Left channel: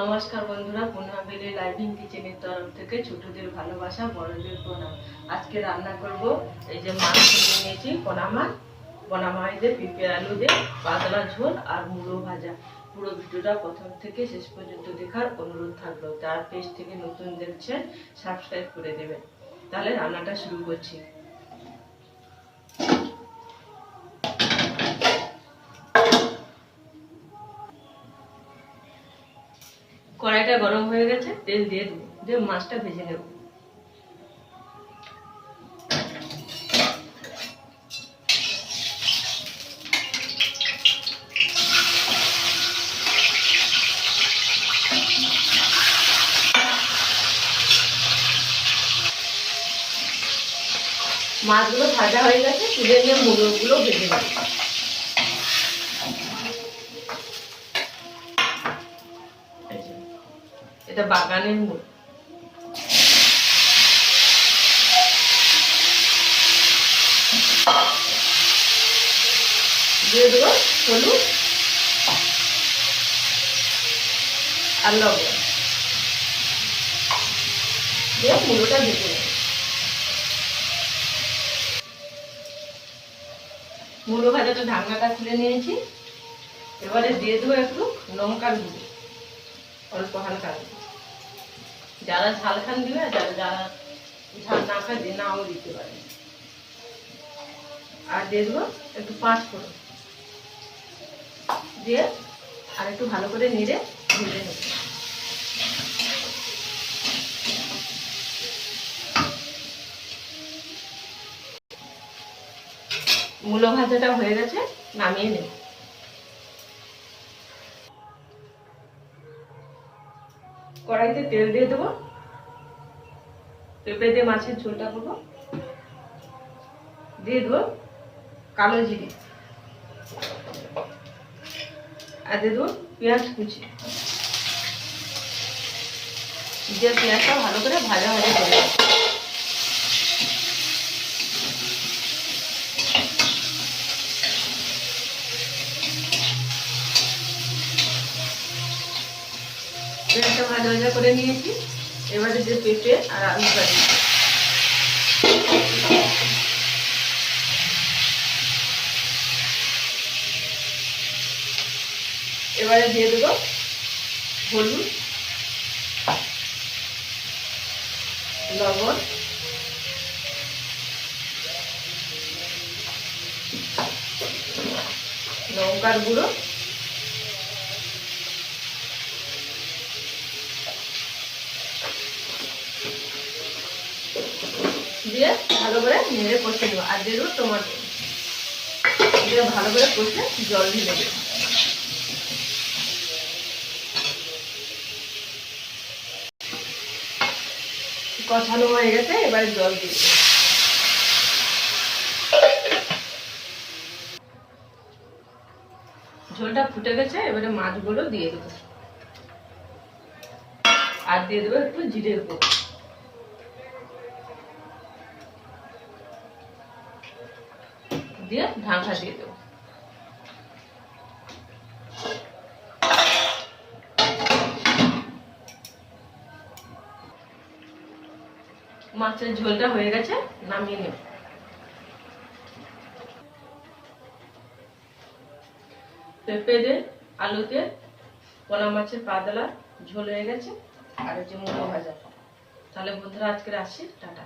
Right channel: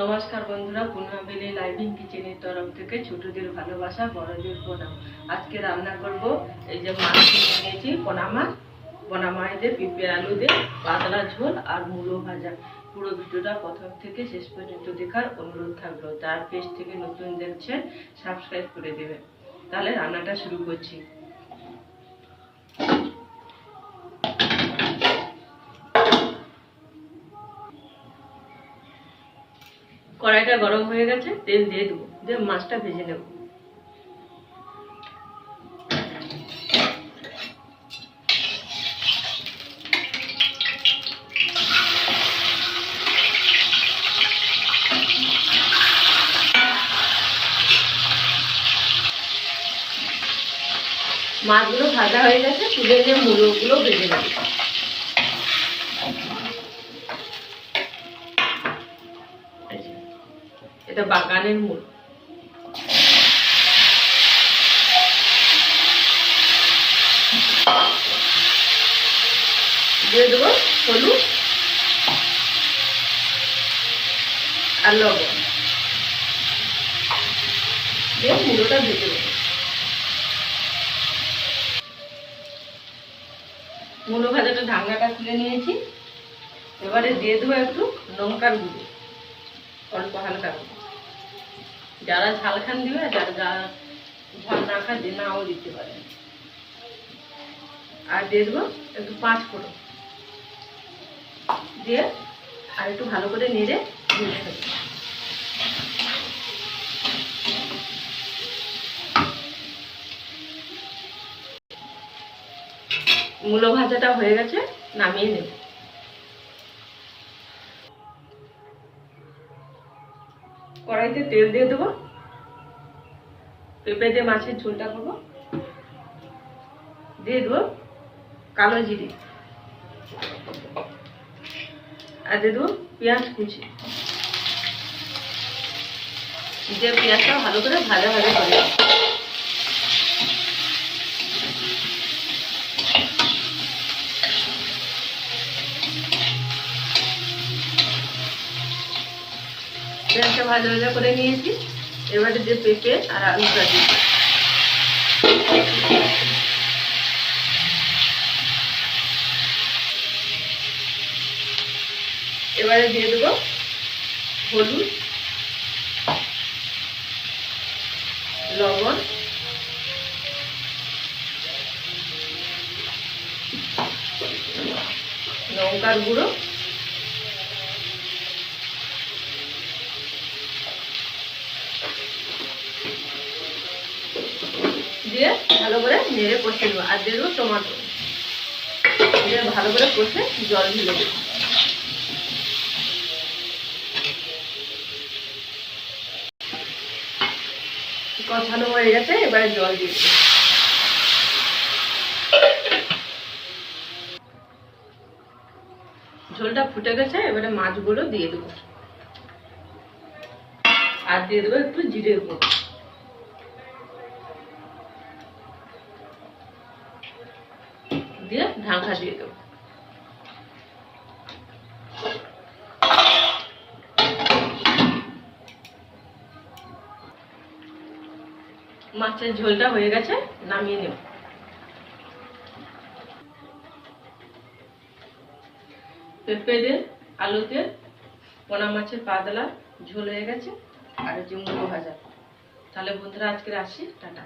নমস্কার বন্ধুরা, পুনরাবেলি লাইভিং কিচেনের তরফ থেকে ছোটদের ভালোবাসা, বড়দের প্রণাম। আজকে রান্না করব এই যে মাছ কিনে নিয়েছি, পোনা মাছ দিয়ে পেঁপে আলু দিয়ে পাতলা ঝোল আর মুলো ভাজা। পুরো ভিডিওটা প্রথম থেকে শেষ পর্যন্ত দেখার অনুরোধ থাকলো। যার পেজ থেকে নতুন দেখছেন সাবস্ক্রাইব করে দেবেন। তাহলে রান্নাটা শুরু করছি। কড়াইটা গরম হয়ে গেছে, তেল দিয়ে দেবো, দিয়ে মাছটা ভেজে নেব। মাছগুলো ভাজা হয়ে গেছে, তুলে নিয়ে মুলোগুলো ভেজে নেব। এটা বাগানের মূল। দিয়ে দেবো হলুদ আর লবণ, দিয়ে মুলোটা ভেজে নেব। মুলো ভাজাটা ঢাকনাটা খুলে নিয়েছি। এবারে দিয়ে দেবো একটু লঙ্কার গুঁড়ো, অল্প হালকা। যারা ঝাল খান দিবে, আর যারা ঝাল না খান নাও দিতে পারে। আর দিয়ে দেবো একটু পাঁচফোড়ন, দিয়ে আর একটু ভালো করে নেড়ে ভেজে নেব। মুলো ভাজাটা হয়ে গেছে, নামিয়ে নেব। কড়াইতে তেল দিয়ে দেবো, পেঁপে দিয়ে মাছের ঝোলটা করবো। দিয়ে দেবো কালো জিরে, আর দিয়ে দেবো পেঁয়াজ কুচি। দিয়ে পেঁয়াজটা ভালো করে ভাজা ভাজা করে পেঁয়াজটা ভাজা ভাজা করে নিয়েছি। এবারে যে পেঁপে আর আলুটা দিই, এবারে দিয়ে দেবো হলুদ, লবণ, লঙ্কার গুঁড়ো, দিয়ে ভালো করে নেড়ে কষে দেবো। আর দিয়ে দেবো টমেটো, দিয়ে ভালো করে কষে জল ঢেলে দেবো। কষানো হয়ে গেছে, এবারে জল দিয়ে দেবো। ঝোলটা ফুটে গেছে, এবারে মাছগুলো দিয়ে দেবো। আর দিয়ে দেবো একটু জিরের গুঁড়ো, দিয়ে ঢাকা দিয়ে দেবো। মাছের ঝোলটা হয়ে গেছে, নামিয়ে নেব। পেঁপে দিয়ে আলুতে পোনা মাছের পাতলা ঝোল হয়ে গেছে, আর হচ্ছে মুলো ভাজা। তাহলে বন্ধুরা আজকে আসছি, টাটা।